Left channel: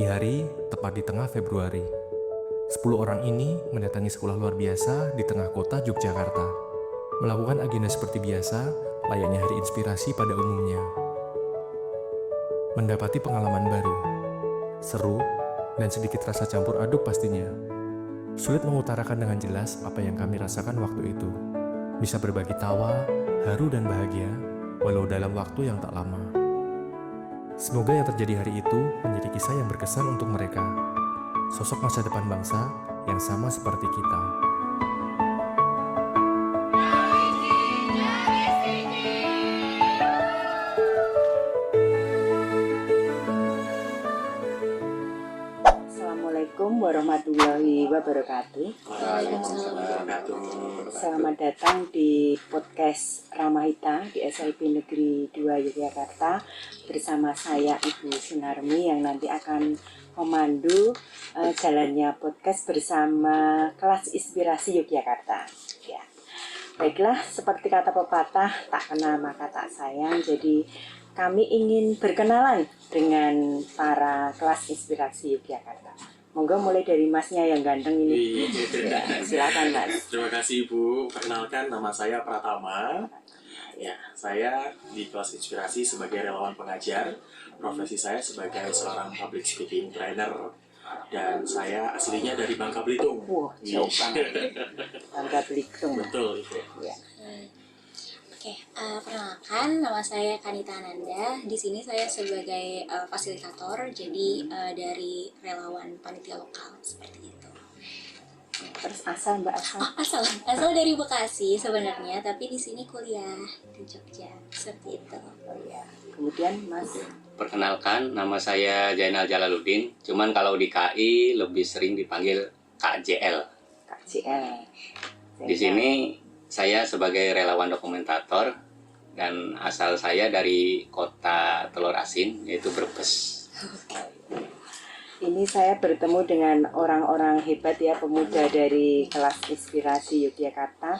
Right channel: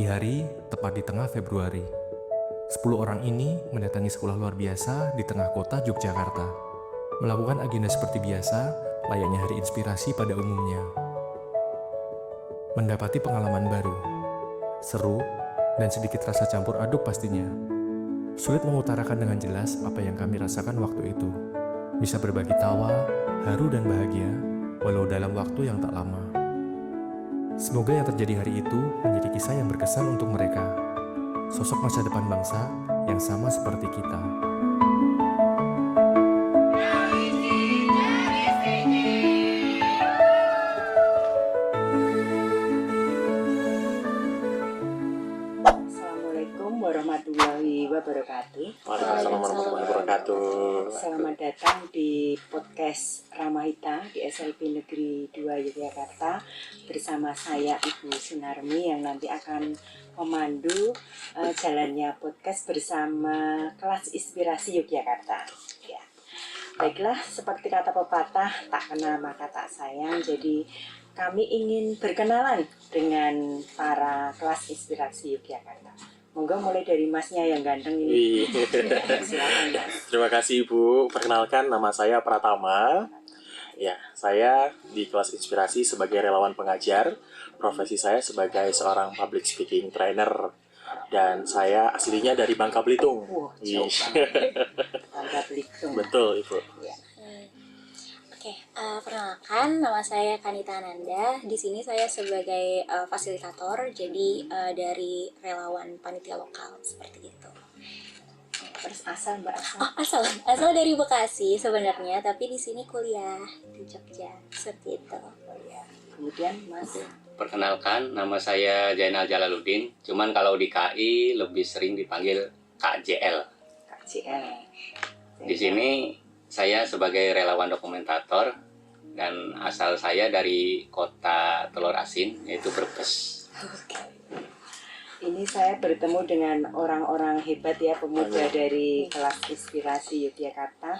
Pagi hari, tepat di tengah Februari. 10 orang ini mendatangi sekolah luar biasa di tengah kota Yogyakarta. Melakukan agenda seperti biasa, layaknya hari inspirasi pada umumnya. Mendapati pengalaman baru, seru, dan sedikit rasa campur aduk pastinya. Sulit mengutarakan dengan jelas apa yang kami rasakan waktu itu. Bisa berbagi tawa, haru dan bahagia, walau dalam waktu yang tak lama. Semoga yang terjadi hari itu menjadi kisah yang berkesan untuk mereka. Sosok masa depan bangsa yang sama seperti kita. Assalamualaikum warahmatullahi wabarakatuh. Waalaikumsalam warahmatullahi wabarakatuh. Selamat datang di podcast Ramahita di SIP Negeri 2 Yogyakarta bersama saya Ibu Sunarmi yang nanti akan memandu jalannya podcast bersama kelas inspirasi Yogyakarta. Ya. Baiklah, seperti kata pepatah, tak kenal maka tak sayang. Jadi kami ingin berkenalan dengan para kelas inspirasi Yogyakarta. Monggo mulai dari masnya yang ganteng ini. Silakan mas. Terima kasih Ibu. Perkenalkan, nama saya Pratama. Ya, saya di kelas inspirasi sebagai relawan pengajar. Profesi saya sebagai seorang public speaking trainer. Dan saya aslinya dari Bangka Belitung. Wah, jauh banget. Bangka Belitung. Betul Ibu. Ya. Oke, perkenalkan nama saya Kanita Ananda. Di sini saya sebagai fasilitator, jadi dari relawan panitia lokal seperti itu. Terus asal mbak asal. Asal dari Bekasi sebenarnya, tapi di sini kuliah di Jogja seperti itu. Oh, ya. Kemudian mas. Perkenalkan, nama saya Jainal Jalaluddin. Cuman kalau di KI lebih sering dipanggil Kak JL. Kak JL. Di sini saya sebagai relawan dokumentator dan asal saya dari kota Telur Asin, yaitu Brebes. Ini saya bertemu dengan orang-orang hebat ya, pemuda dari kelas inspirasi Yogyakarta.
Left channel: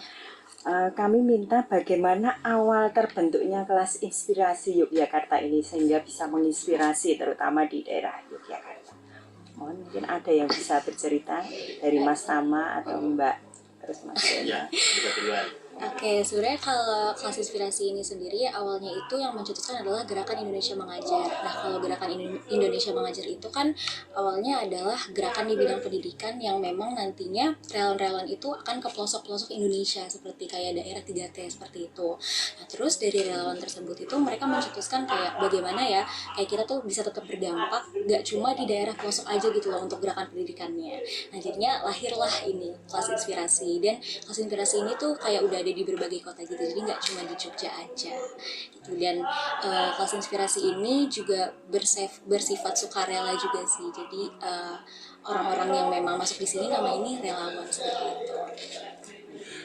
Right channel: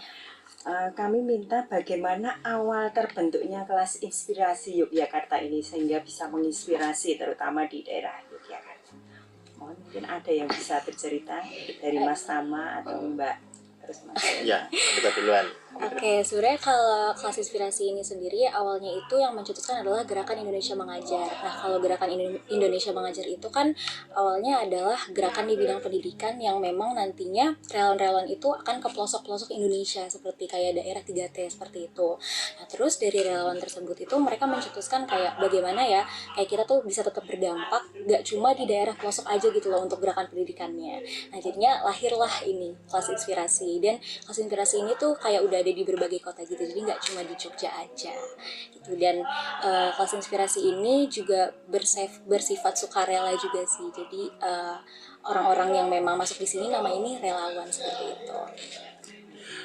Kami minta bagaimana awal terbentuknya kelas inspirasi Yogyakarta ini sehingga bisa menginspirasi terutama di daerah Yogyakarta. Mohon mungkin ada yang bisa bercerita dari Mas Tama atau Mbak. Terus Mas. Ya, kita duluan. Oke, sebenarnya kalau kelas inspirasi ini sendiri awalnya itu yang mencetuskan adalah Gerakan Indonesia Mengajar. Nah, kalau Gerakan Indonesia Mengajar itu kan awalnya adalah gerakan di bidang pendidikan yang memang nantinya relawan-relawan itu akan ke pelosok-pelosok Indonesia seperti kayak daerah 3T seperti itu. Nah, terus dari relawan tersebut itu mereka mencetuskan kayak bagaimana ya kayak kita tuh bisa tetap berdampak gak cuma di daerah pelosok aja gitu loh untuk gerakan pendidikannya. Nah, jadinya lahirlah ini kelas inspirasi, dan kelas inspirasi ini tuh kayak udah ada di berbagai kota gitu, jadi nggak cuma di Jogja aja gitu. Dan kelas inspirasi ini juga bersifat sukarela juga sih, jadi orang-orang yang memang masuk di sini nama ini relawan seperti itu.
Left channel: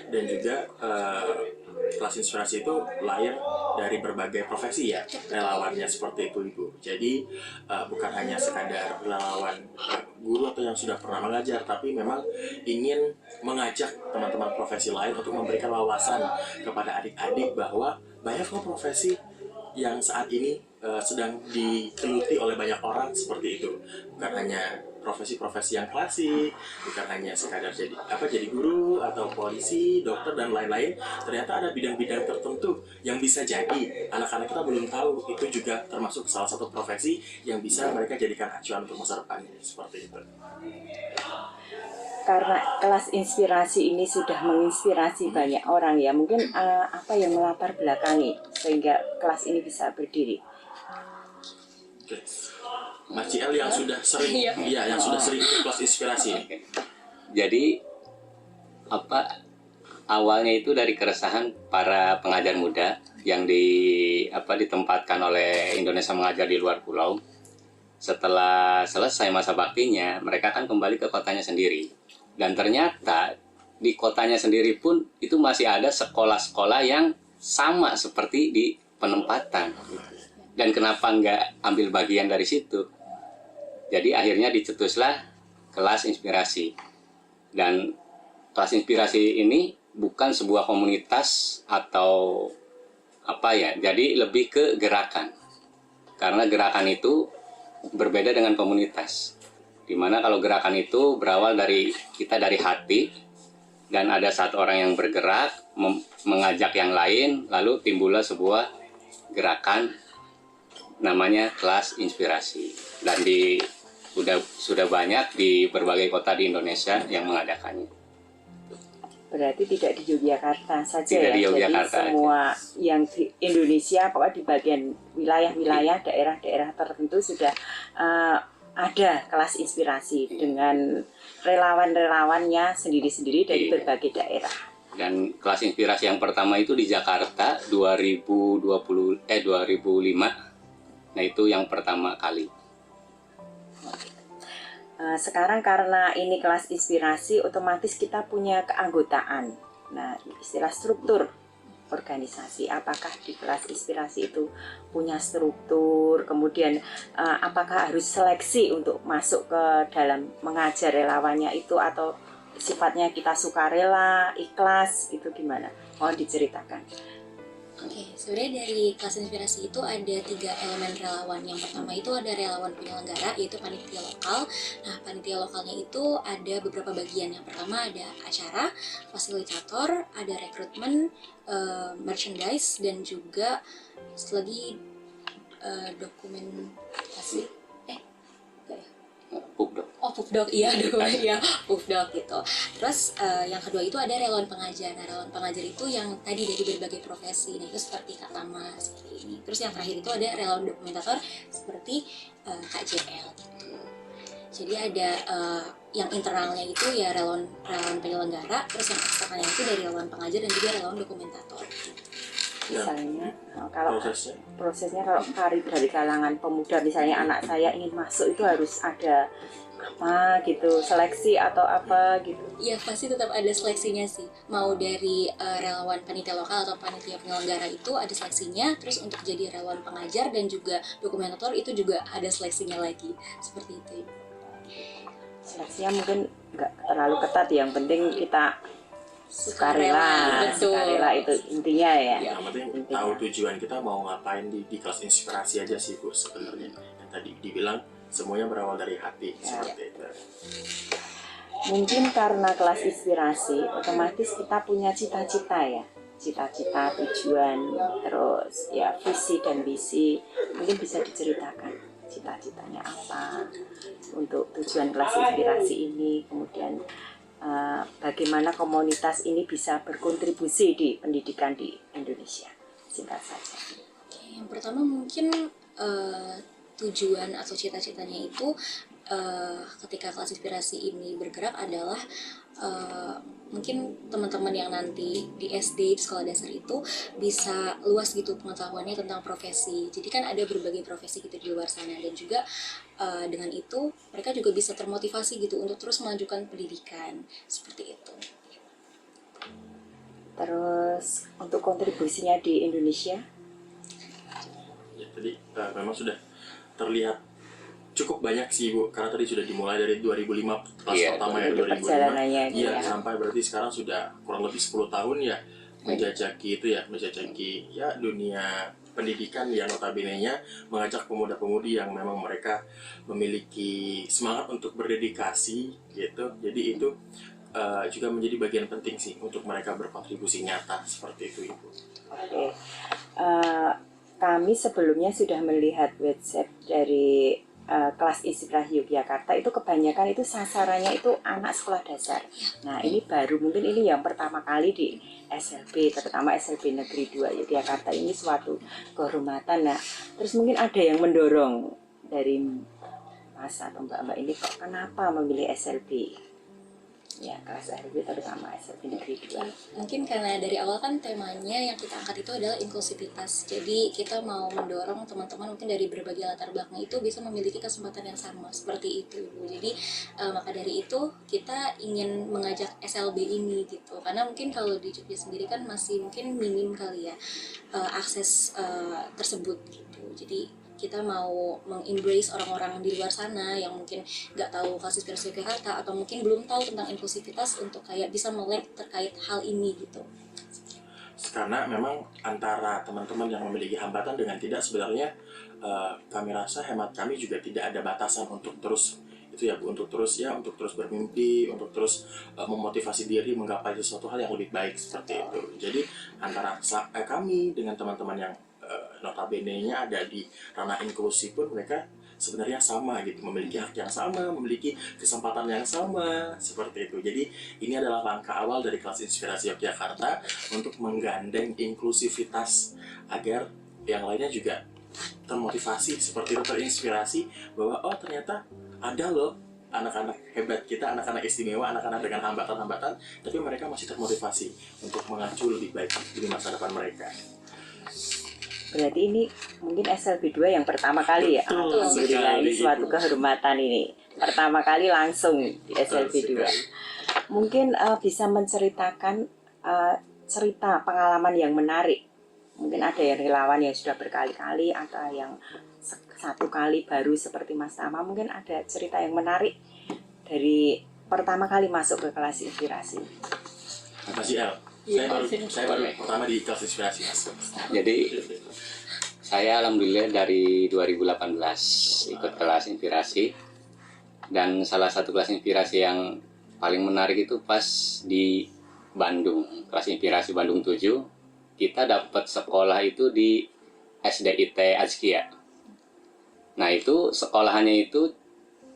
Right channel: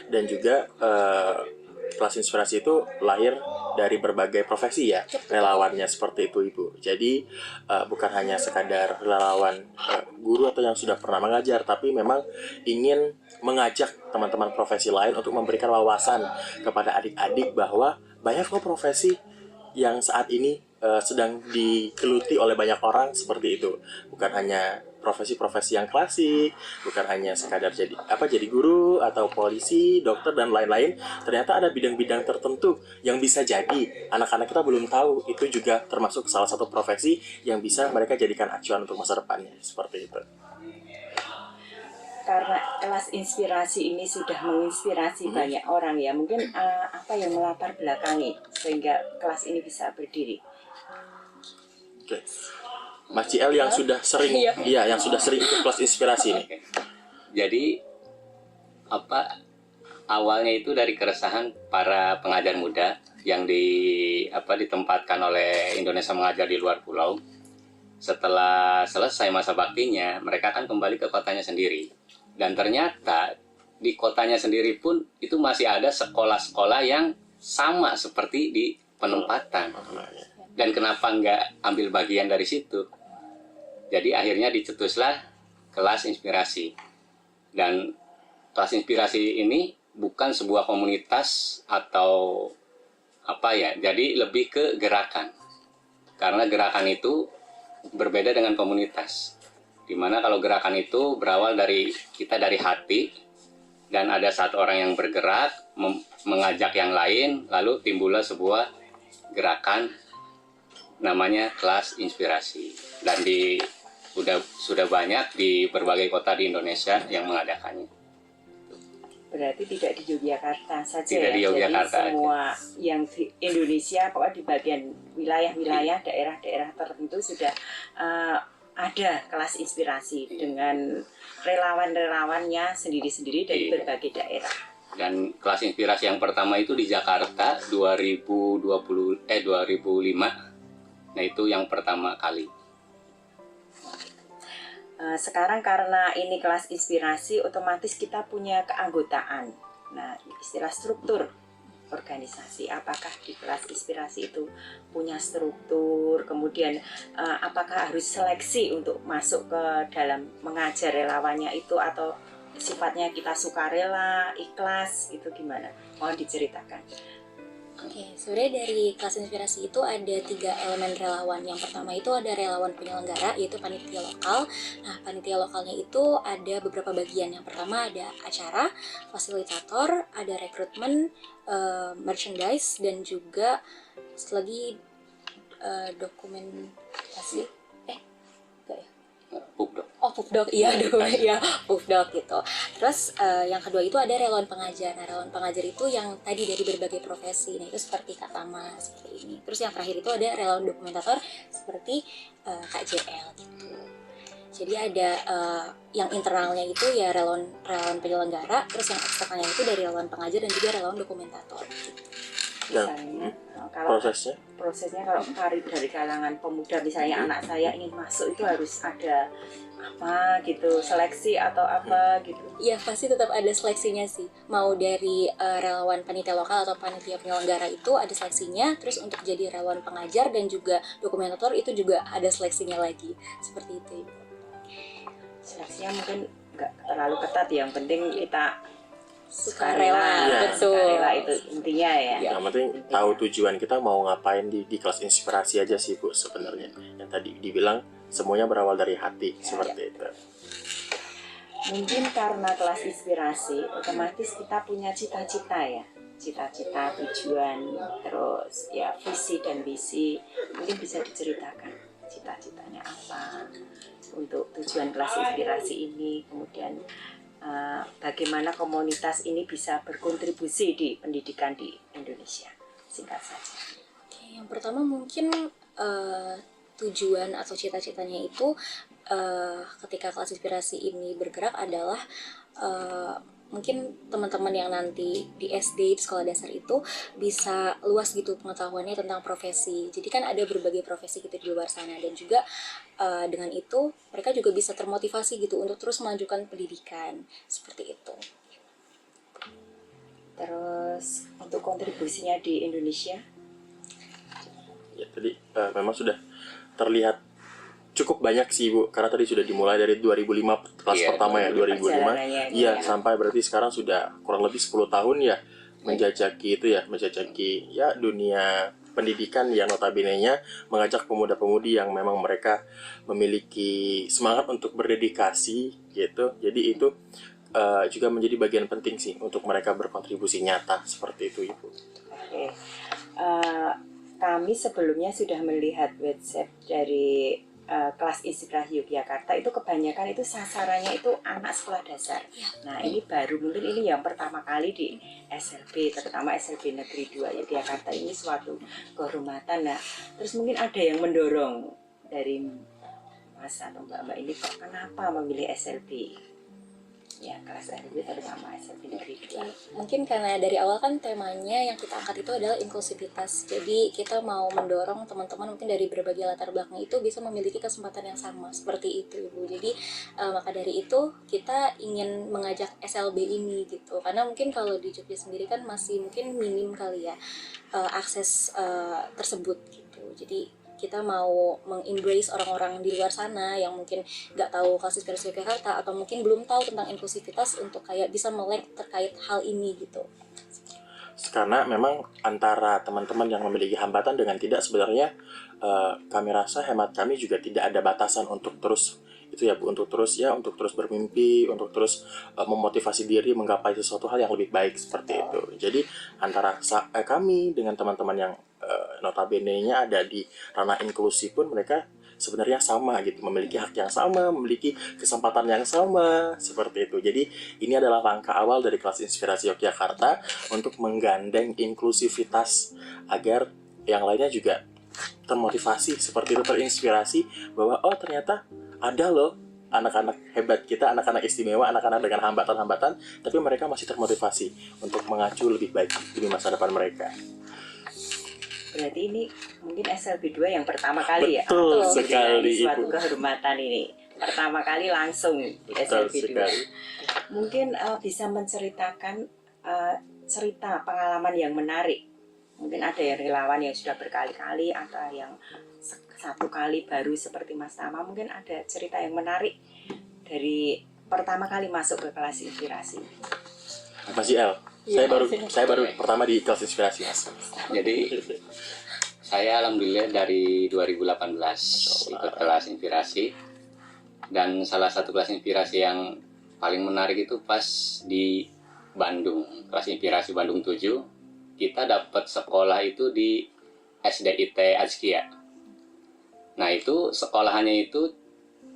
Dan juga kelas inspirasi itu lahir dari berbagai profesi ya, relawannya seperti itu Ibu. Jadi bukan hanya sekadar relawan guru atau yang sudah pernah mengajar, tapi memang ingin mengajak teman-teman profesi lain untuk memberikan wawasan kepada adik-adik bahwa banyak loh profesi yang saat ini sedang digeluti oleh banyak orang seperti itu. Bukan hanya profesi-profesi yang klasik, bukan hanya sekadar jadi guru atau polisi, dokter dan lain-lain. Ternyata ada bidang-bidang tertentu yang bisa jadi anak-anak kita belum tahu, itu juga termasuk salah satu profesi yang bisa mereka jadikan acuan untuk masa depannya, seperti itu. Karena kelas inspirasi ini sudah menginspirasi banyak orang ya, mungkin apa yang melatar belakangi sehingga kelas ini bisa berdiri? Oke. Mas CL yang sudah sering, yang sudah sering ikut kelas inspirasi ini. Jadi awalnya itu dari keresahan para pengajar muda yang ditempatkan oleh Indonesia Mengajar di luar pulau. Setelah selesai masa baktinya, mereka akan kembali ke kotanya sendiri. Dan ternyata di kotanya sendiri pun itu masih ada sekolah-sekolah yang sama seperti di penempatan. Dan kenapa nggak ambil bagian dari situ? Jadi akhirnya dicetuslah kelas inspirasi. Dan kelas inspirasi ini bukan sebuah komunitas atau jadi lebih ke gerakan. Karena gerakan itu berbeda dengan komunitas. Dimana kalau gerakan itu berawal dari kita dari hati, dan ada satu orang yang bergerak mengajak yang lain, lalu timbullah sebuah gerakan namanya kelas inspirasi, dan sudah banyak di berbagai kota di Indonesia yang mengadakannya. Berarti tidak di Yogyakarta saja Tidak ya. di Yogyakarta Jadi semua yang di Indonesia, pokoknya di bagian wilayah-wilayah, daerah-daerah tertentu sudah ada kelas inspirasi dengan relawan-relawannya sendiri-sendiri dari Iya. berbagai daerah. Dan kelas inspirasi yang pertama itu di Jakarta 2005. Nah, itu yang pertama kali. Sekarang karena ini kelas inspirasi, otomatis kita punya keanggotaan. Nah, istilah struktur organisasi, apakah di kelas inspirasi itu punya struktur, kemudian apakah harus seleksi untuk masuk ke dalam mengajar relawannya itu, atau sifatnya kita sukarela, ikhlas, itu gimana? Mohon diceritakan. Oke, sebenarnya dari kelas inspirasi itu ada 3 elemen relawan. Yang pertama itu ada relawan penyelenggara, yaitu panitia lokal. Nah, panitia lokalnya itu ada beberapa bagian. Yang pertama ada acara, fasilitator, ada rekrutmen, merchandise, dan juga lagi dokumentasi. Enggak ya? Pupdok. Oh, Pupdok, iya, ya, Pupdok gitu. Terus yang kedua itu ada relawan pengajar. Nah, relawan pengajar itu yang tadi dari berbagai profesi. Nah, itu seperti Kak Tama, seperti ini. Terus yang terakhir itu ada relawan dokumentator seperti Kak JL gitu. Jadi ada yang internalnya itu ya relawan penyelenggara, terus yang eksternalnya itu dari relawan pengajar dan juga relawan dokumentator gitu. Misalnya, kalau Prosesnya kalau dari kalangan pemuda, misalnya anak saya ingin masuk, itu harus ada apa gitu, seleksi atau apa gitu. Ya pasti tetap ada seleksinya sih. Mau dari relawan panitia lokal atau panitia penyelenggara itu ada seleksinya. Terus untuk jadi relawan pengajar dan juga dokumentator itu juga ada seleksinya lagi. Seperti itu. Seleksinya mungkin nggak terlalu ketat, yang penting kita Sukarela, betul. Sukarela itu intinya ya. Yang penting tahu tujuan kita mau ngapain di kelas inspirasi aja sih Bu sebenarnya. Yang tadi dibilang semuanya berawal dari hati, seperti itu. Mungkin karena kelas inspirasi, otomatis kita punya cita-cita ya. Cita-cita, tujuan, terus ya visi dan misi. Mungkin bisa diceritakan cita-citanya apa untuk tujuan kelas inspirasi ini, kemudian bagaimana komunitas ini bisa berkontribusi di pendidikan di Indonesia. Singkat saja. Yang pertama mungkin tujuan atau cita-citanya itu ketika kelas inspirasi ini bergerak adalah mungkin teman-teman yang nanti di SD, di sekolah dasar itu bisa luas gitu pengetahuannya tentang profesi. Jadi kan ada berbagai profesi gitu di luar sana, dan juga dengan itu mereka juga bisa termotivasi gitu untuk terus melanjutkan pendidikan seperti itu. Terus untuk kontribusinya di Indonesia, Ya tadi memang sudah terlihat cukup banyak sih Bu, karena tadi sudah dimulai dari 2005 kelas Iya, pertama ya, 2005. perjalanannya itu Iya, ya. sampai berarti sekarang sudah kurang lebih 10 tahun ya menjajaki ya dunia pendidikan yang notabene-nya mengajak pemuda-pemudi yang memang mereka memiliki semangat untuk berdedikasi gitu. Jadi itu juga menjadi bagian penting sih untuk mereka berkontribusi nyata seperti itu Ibu. Oke. Kami sebelumnya sudah melihat website dari kelas inspirasi Yogyakarta, itu kebanyakan itu sasarannya itu anak sekolah dasar. Nah, ini baru mungkin ini yang pertama kali di SLB, terutama SLB Negeri 2 Yogyakarta, ini suatu kehormatan. Nah, terus mungkin ada yang mendorong dari Mas atau Mbak-mbak ini, kok kenapa memilih SLB? Ya, kelas SLB terutama SLB Negeri 2. Mungkin karena dari awal kan temanya yang kita angkat itu adalah inklusivitas. Jadi kita mau mendorong teman-teman mungkin dari berbagai latar belakang itu bisa memiliki kesempatan yang sama seperti itu, Ibu. Jadi maka dari itu kita ingin mengajak SLB ini gitu. Karena mungkin kalau di Jogja sendiri kan masih mungkin minim kali ya akses tersebut gitu. Jadi kita mau mengembrace orang-orang di luar sana yang mungkin nggak tahu kelas inspirasi Jakarta atau mungkin belum tahu tentang inklusivitas untuk kayak bisa melek terkait hal ini gitu. Karena memang antara teman-teman yang memiliki hambatan dengan tidak, sebenarnya kami rasa, hemat kami juga tidak ada batasan untuk terus itu ya Bu, untuk terus bermimpi, untuk terus memotivasi diri menggapai sesuatu hal yang lebih baik seperti itu. Jadi antara kami dengan teman-teman yang notabene-nya ada di ranah inklusi pun, mereka sebenarnya sama gitu, memiliki hak yang sama, memiliki kesempatan yang sama seperti itu. Jadi ini adalah langkah awal dari kelas inspirasi Yogyakarta untuk menggandeng inklusivitas agar yang lainnya juga termotivasi seperti itu, terinspirasi bahwa oh ternyata ada loh anak-anak hebat kita, anak-anak istimewa, anak-anak dengan hambatan-hambatan, tapi mereka masih termotivasi untuk mengacu lebih baik di masa depan mereka. Berarti ini mungkin SLB 2 yang pertama kali ya? Betul Alhamdulillah, sekali, ini suatu Ibu. kehormatan ini. Pertama kali langsung di Betul SLB 2. sekali. Mungkin bisa menceritakan cerita pengalaman yang menarik. Mungkin ada yang relawan yang sudah berkali-kali, atau yang satu kali baru seperti Mas Tama. Mungkin ada cerita yang menarik dari pertama kali masuk ke kelas inspirasi. Mas JL, saya baru pertama di kelas inspirasi, Mas. Jadi saya alhamdulillah dari 2018 ikut kelas inspirasi, dan salah satu kelas inspirasi yang paling menarik itu pas di Bandung, kelas inspirasi Bandung 7. Kita dapat sekolah itu di SDIT Azkia. Nah itu sekolahannya itu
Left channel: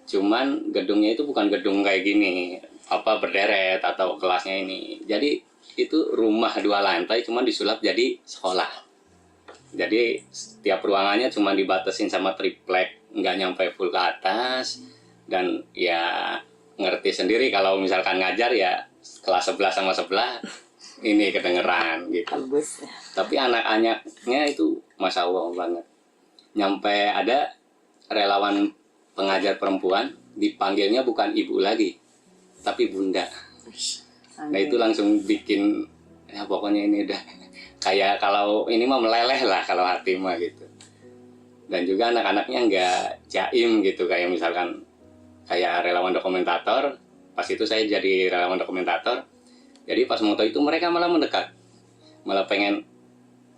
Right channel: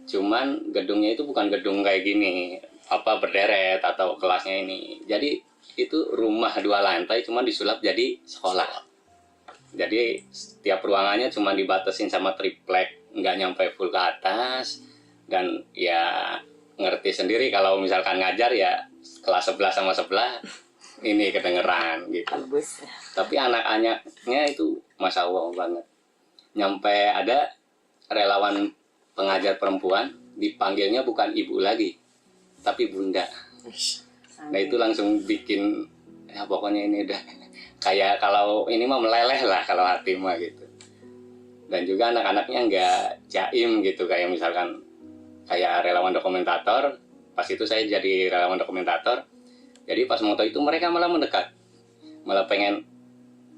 cuman gedungnya itu bukan gedung kayak gini, apa berderet atau kelasnya ini. Jadi itu rumah 2 lantai cuman disulap jadi sekolah. Jadi setiap ruangannya cuma dibatasin sama triplek, nggak nyampe full ke atas. Dan ya ngerti sendiri kalau misalkan ngajar ya kelas 11 sama sebelah ini kedengeran gitu. Tembus. Tapi anak-anaknya itu Masya Allah banget. Nyampe ada relawan pengajar perempuan, dipanggilnya bukan ibu lagi, tapi bunda. Nah itu langsung bikin, ya pokoknya ini udah kayak kalau ini mah meleleh lah kalau hati mah gitu. Dan juga anak-anaknya nggak jaim gitu, kayak misalkan kayak relawan dokumentator. Pas itu saya jadi relawan dokumentator, jadi pas moto itu mereka malah mendekat, malah pengen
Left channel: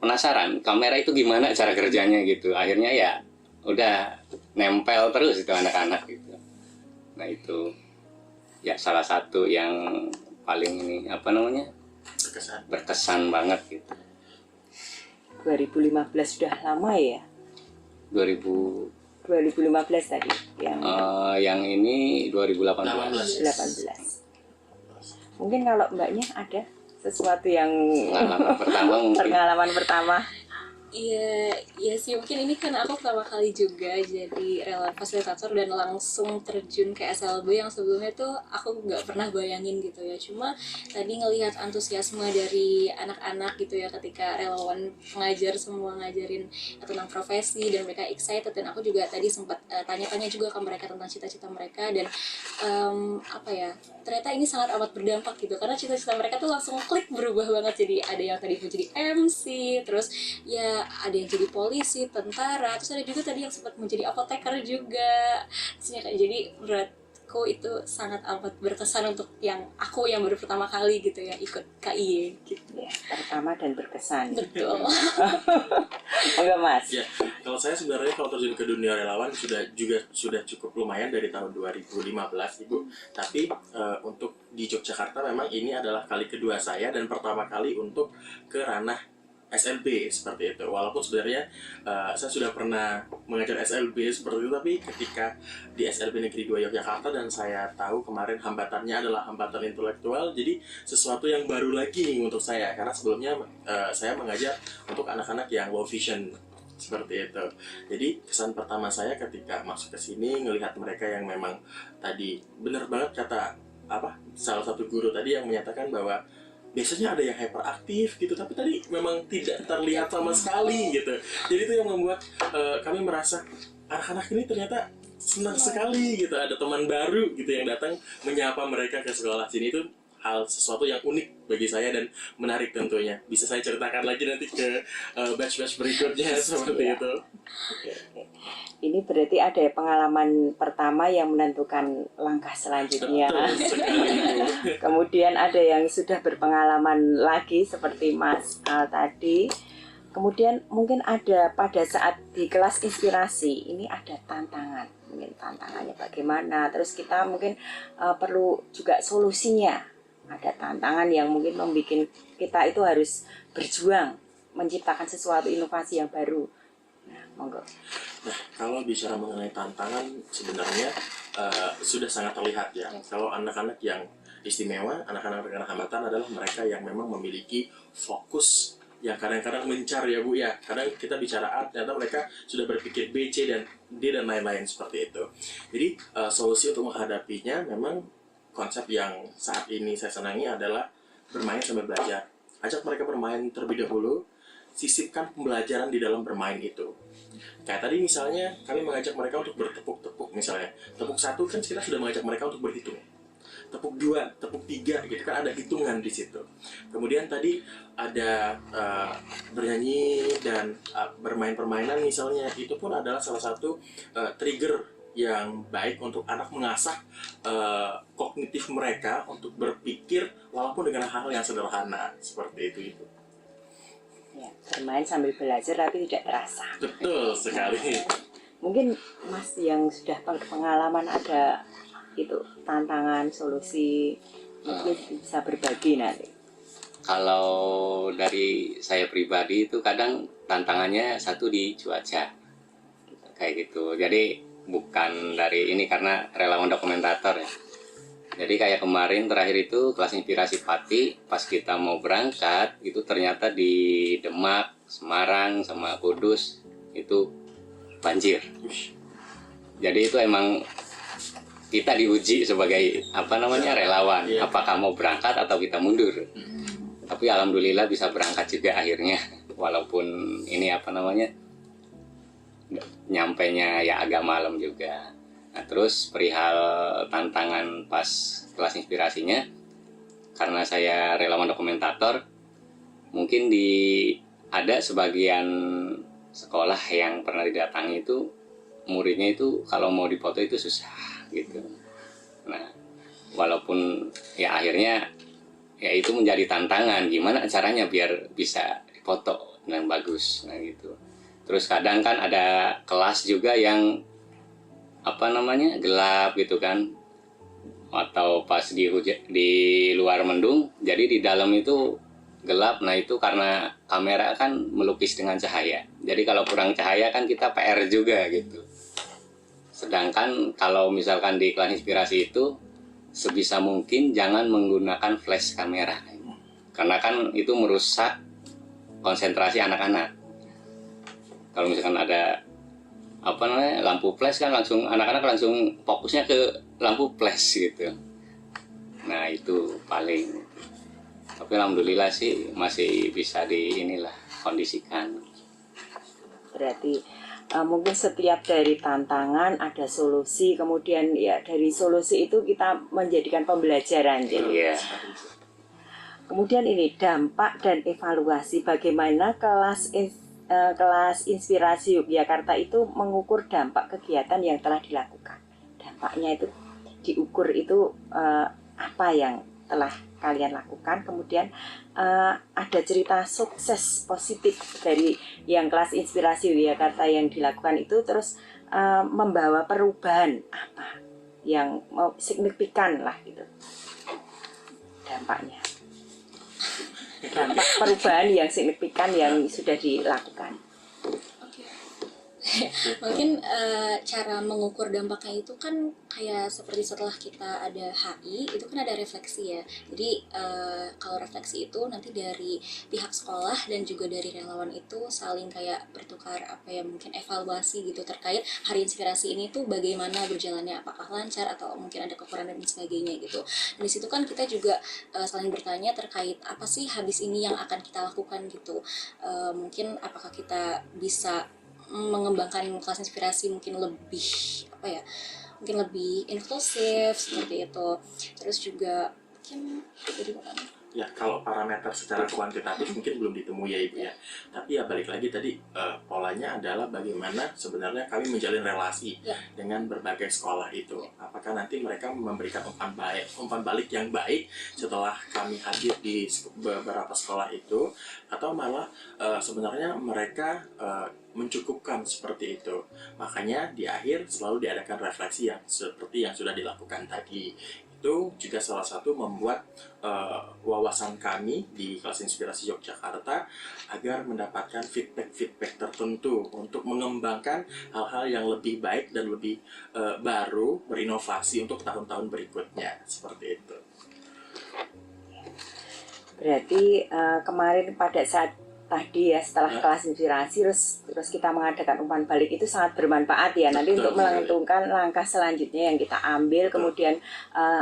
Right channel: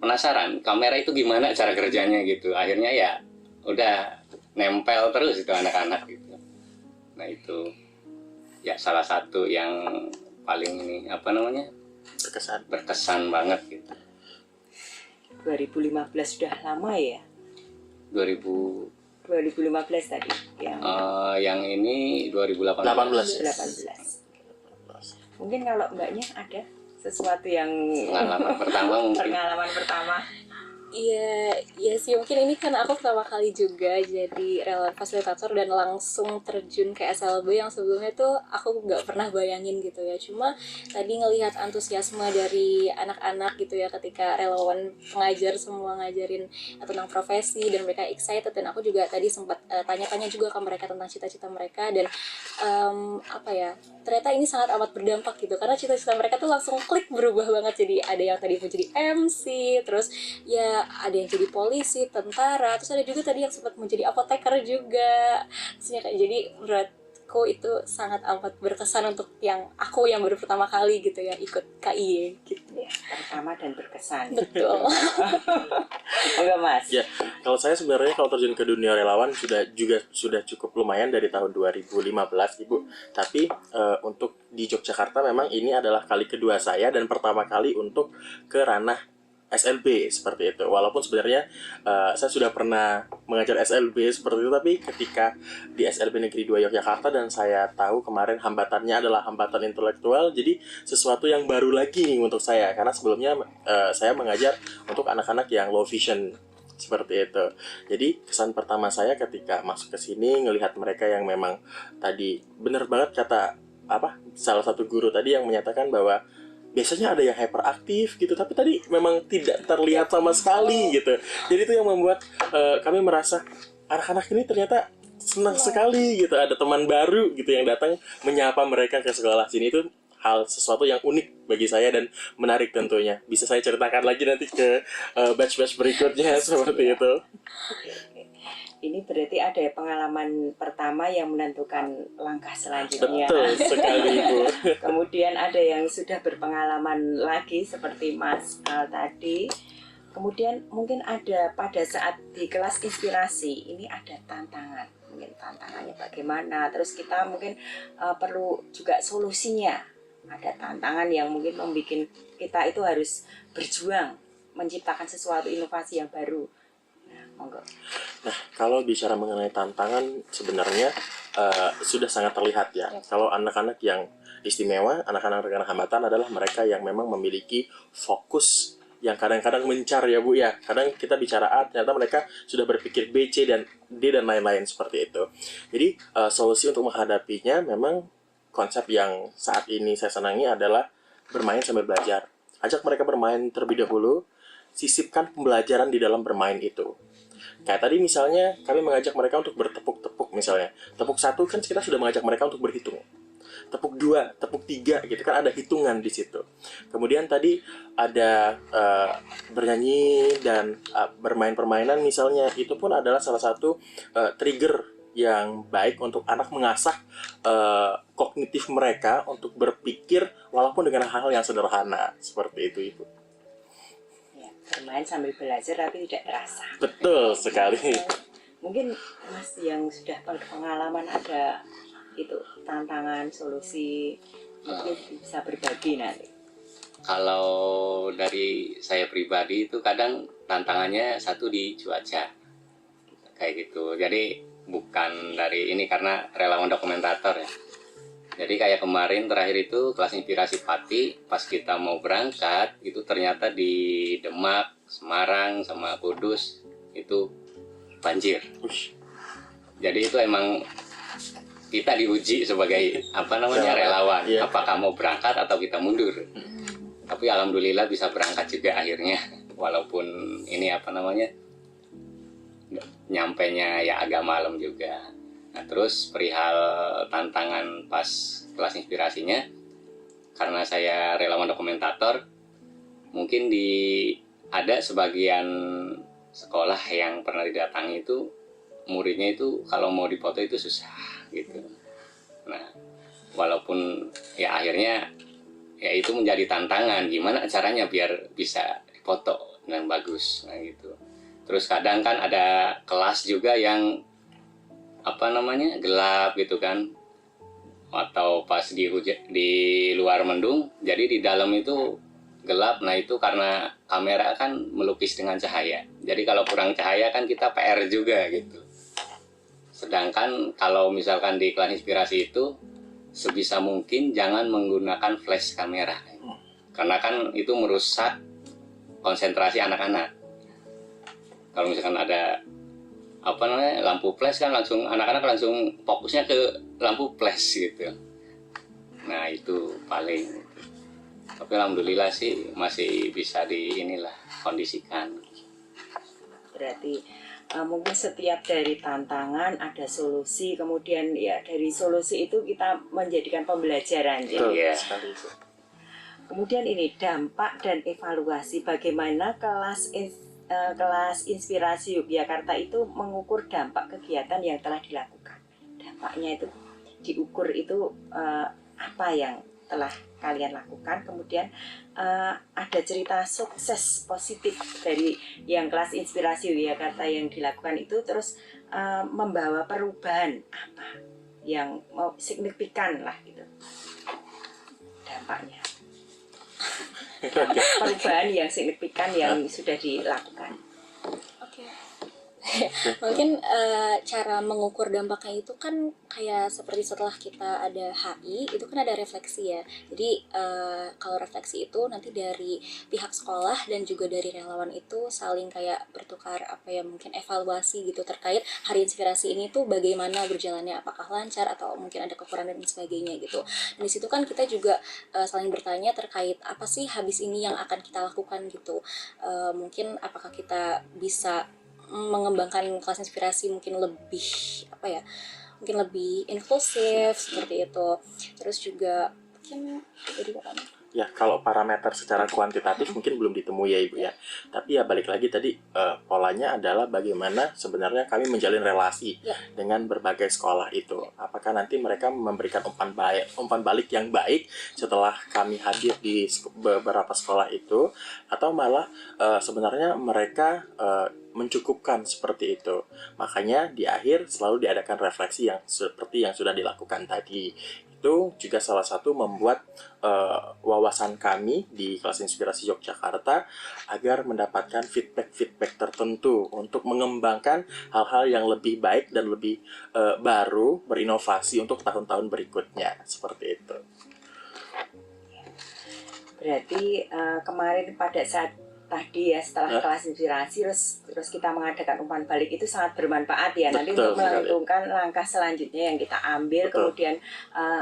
penasaran kamera itu gimana cara kerjanya gitu. Akhirnya ya udah nempel terus itu anak-anak gitu. Nah itu ya salah satu yang paling ini apa namanya berkesan banget gitu. 2015 sudah lama ya? 2015 tadi yang ini 2018. 18. Mungkin kalau mbaknya ada sesuatu yang Pengalaman pertama mungkin. pengalaman pertama. Iya sih, mungkin ini kan aku pertama kali juga jadi relawan fasilitator dan langsung terjun ke SLB yang sebelumnya tuh aku nggak pernah bayangin gitu ya. Cuma tadi ngelihat antusiasme dari anak-anak gitu ya ketika relawan pengajar semua ngajarin tentang profesi dan mereka excited, dan aku juga tadi sempat tanya-tanya juga ke mereka tentang cita-cita mereka, dan ternyata ini sangat amat berdampak gitu karena cita-cita mereka tuh langsung klik berubah banget. Jadi ada yang tadi mau jadi MC, terus ya ada yang jadi polisi, tentara, terus ada juga tadi yang sempat menjadi apoteker juga. Jadi menurutku itu sangat amat berkesan untuk aku yang baru pertama kali gitu ya ikut KIY gitu. Ya, pertama dan berkesan. Betul. Enggak Mas? Ya, kalau saya sebenarnya kalau terjun ke dunia relawan sudah cukup lumayan dari tahun 2015 Ibu. Tapi untuk di Yogyakarta memang ini adalah kali kedua saya dan pertama kali untuk ke ranah SLB seperti itu. Walaupun sebenarnya saya sudah pernah mengajar SLB seperti itu, tapi ketika di SLB Negeri 2 Yogyakarta dan saya tahu kemarin hambatannya adalah hambatan intelektual, jadi sesuatu yang baru lagi nih untuk saya, karena sebelumnya saya mengajar untuk anak-anak yang low vision seperti itu. Jadi kesan pertama saya ketika masuk ke sini ngelihat mereka yang memang tadi benar banget kata salah satu guru tadi yang menyatakan bahwa biasanya ada yang hyperaktif gitu, tapi tadi memang tidak terlihat sama sekali gitu. Jadi itu yang membuat kami merasa anak-anak ini ternyata senang sekali gitu, ada teman baru gitu yang datang menyapa mereka ke sekolah sini. Itu hal sesuatu yang unik bagi saya dan menarik tentunya. Bisa saya ceritakan lagi nanti ke batch-batch berikutnya seperti itu. Ini berarti ada pengalaman pertama yang menentukan langkah selanjutnya. Betul sekali, Bu. Kemudian ada yang sudah berpengalaman lagi seperti Mas Al tadi. Kemudian mungkin ada pada saat di kelas inspirasi ini ada tantangan. Mungkin tantangannya bagaimana. Terus kita mungkin perlu juga solusinya. Ada tantangan yang mungkin membuat kita itu harus berjuang menciptakan sesuatu inovasi yang baru. Nah, monggo. Nah, kalau bicara mengenai tantangan sebenarnya sudah sangat terlihat ya. Kalau anak-anak yang istimewa, anak-anak dengan hambatan adalah mereka yang memang memiliki fokus yang kadang-kadang mencar ya Bu ya. Kadang kita bicara A, ternyata mereka sudah berpikir B, C, dan D, dan lain-lain seperti itu. Jadi solusi untuk menghadapinya memang konsep yang saat ini saya senangi adalah bermain sambil belajar. Ajak mereka bermain terlebih dahulu, sisipkan pembelajaran di dalam bermain itu. Kayak tadi misalnya kami mengajak mereka untuk bertepuk-tepuk misalnya. Tepuk 1 kan kita sudah mengajak mereka untuk berhitung. Tepuk 2, tepuk 3 gitu kan ada hitungan di situ. Kemudian tadi ada bernyanyi dan bermain permainan misalnya, itu pun adalah salah satu trigger yang baik untuk anak mengasah kognitif mereka untuk berpikir walaupun dengan hal-hal yang sederhana seperti itu Ibu. Bermain sambil belajar tapi tidak terasa. Betul sekali. Mungkin Mas yang sudah pengalaman ada itu tantangan, solusi, mungkin bisa berbagi nanti. Kalau dari saya pribadi itu kadang tantangannya satu di cuaca kayak gitu. Jadi bukan dari ini karena relawan dokumentator ya. Jadi kayak kemarin terakhir itu kelas inspirasi Pati, pas kita mau berangkat itu ternyata di Demak, Semarang, sama Kudus itu banjir. Jadi itu emang kita diuji sebagai relawan, Iya. apakah mau berangkat atau kita mundur. Tapi alhamdulillah bisa berangkat juga akhirnya, walaupun ini nyampainya ya agak malam juga. Nah, terus perihal tantangan pas kelas inspirasinya, karena saya relawan dokumentator, mungkin ada sebagian sekolah yang pernah didatangi itu muridnya itu kalau mau dipoto itu susah gitu. Nah, walaupun ya akhirnya ya itu menjadi tantangan gimana caranya biar bisa dipoto dengan bagus, nah gitu. Terus kadang kan ada kelas juga yang gelap gitu kan, atau pas di luar mendung, jadi di dalam itu gelap. Nah itu karena kamera kan melukis dengan cahaya, jadi kalau kurang cahaya kan kita PR juga gitu. Sedangkan kalau misalkan di kelas inspirasi itu sebisa mungkin jangan menggunakan flash kamera, karena kan itu merusak konsentrasi anak-anak. Kalau misalkan ada lampu flash kan langsung anak-anak langsung fokusnya ke lampu flash gitu. Nah itu paling. Tapi alhamdulillah sih masih bisa kondisikan. Berarti mungkin setiap dari tantangan ada solusi, kemudian ya dari solusi itu kita menjadikan pembelajaran. Iya. Kemudian ini dampak dan evaluasi, bagaimana kelas inspirasi Yogyakarta itu mengukur dampak kegiatan yang telah dilakukan. Dampaknya itu diukur itu apa yang telah kalian lakukan. Kemudian ada cerita sukses positif dari yang kelas inspirasi Yogyakarta yang dilakukan itu, terus membawa perubahan apa yang signifikan lah gitu dampaknya. Dampak perubahan yang signifikan yang sudah dilakukan. Oke. Mungkin cara mengukur dampaknya itu kan kayak seperti setelah kita ada HI itu kan ada refleksi ya. Jadi kalau refleksi itu nanti dari pihak sekolah dan juga dari relawan itu saling kayak bertukar mungkin evaluasi gitu terkait hari inspirasi ini tuh bagaimana berjalannya, apakah lancar atau mungkin ada kekurangan dan sebagainya gitu. Dan di situ kan kita juga saling bertanya terkait apa sih habis ini yang akan kita lakukan gitu. Mungkin apakah kita bisa mengembangkan kelas inspirasi mungkin lebih mungkin lebih inklusif seperti itu. Terus juga macam jadi katanya. Ya, kalau parameter secara kuantitatif mungkin belum ditemui ya Ibu ya. Tapi ya balik lagi tadi polanya adalah bagaimana sebenarnya kami menjalin relasi Ya. dengan berbagai sekolah itu. Apakah nanti mereka memberikan umpan balik yang baik setelah kami hadir di beberapa sekolah itu, atau malah sebenarnya mereka mencukupkan seperti itu. Makanya di akhir selalu diadakan refleksi yang seperti yang sudah dilakukan tadi. Itu juga salah satu membuat wawasan kami di kelas inspirasi Yogyakarta agar mendapatkan feedback tertentu untuk mengembangkan hal-hal yang lebih baik dan lebih baru, berinovasi untuk tahun-tahun berikutnya, seperti itu. Berarti kemarin pada saat tadi ya setelah Ya. kelas inspirasi terus kita mengadakan umpan balik itu sangat bermanfaat ya nanti Betul untuk menentukan langkah selanjutnya yang kita ambil, Betul. kemudian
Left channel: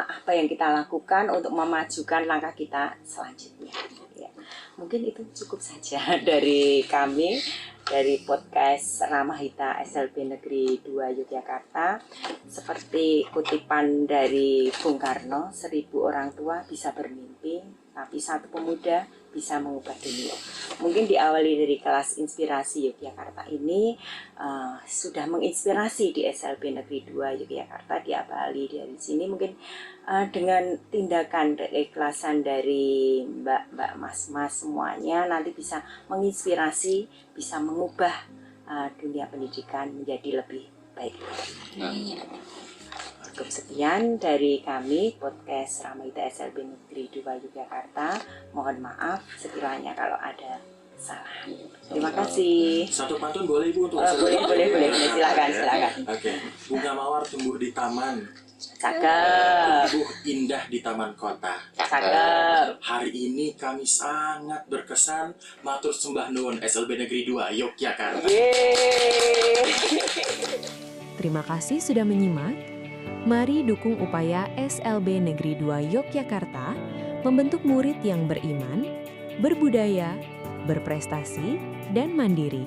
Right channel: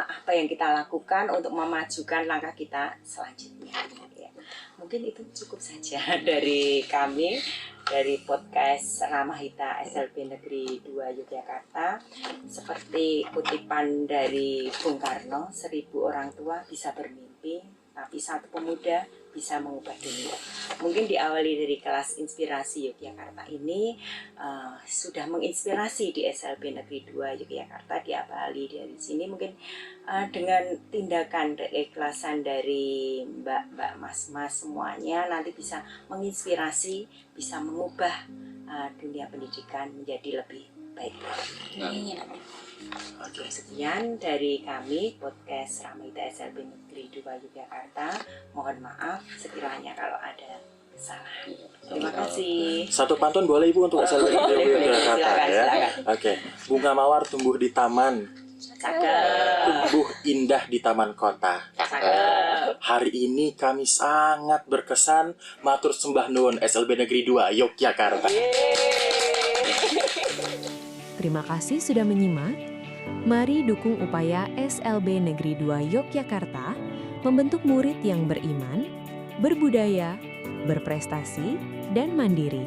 apa yang kita lakukan untuk memajukan langkah kita selanjutnya ya. Mungkin itu cukup saja dari kami, dari podcast Ramahita SLB Negeri 2 Yogyakarta. Seperti kutipan dari Bung Karno, 1000 orang tua bisa bermimpi, tapi satu pemuda bisa mengubah dunia. Mungkin diawali dari kelas inspirasi Yogyakarta ini sudah menginspirasi di SLB Negeri 2 Yogyakarta, diawali dari sini mungkin dengan tindakan keikhlasan dari mbak-mbak, mas-mas semuanya nanti bisa menginspirasi, bisa mengubah dunia pendidikan menjadi lebih baik. Iya. Sekian dari kami podcast Ramahita SLB Negeri 2 Yogyakarta. Mohon maaf sekiranya kalau ada kesalahan. Terima kasih. Satu pantun boleh Ibu untuk Boleh. Silakan. Oke. Bunga mawar tumbuh di taman, Cakep. tumbuh indah di taman kota. Cakep. Hari ini kami sangat berkesan. Matur sembah nuwun SLB Negeri 2 Yogyakarta. Terima kasih sudah menyimak. Mari dukung upaya SLB Negeri 2 Yogyakarta membentuk murid yang beriman, berbudaya, berprestasi, dan mandiri.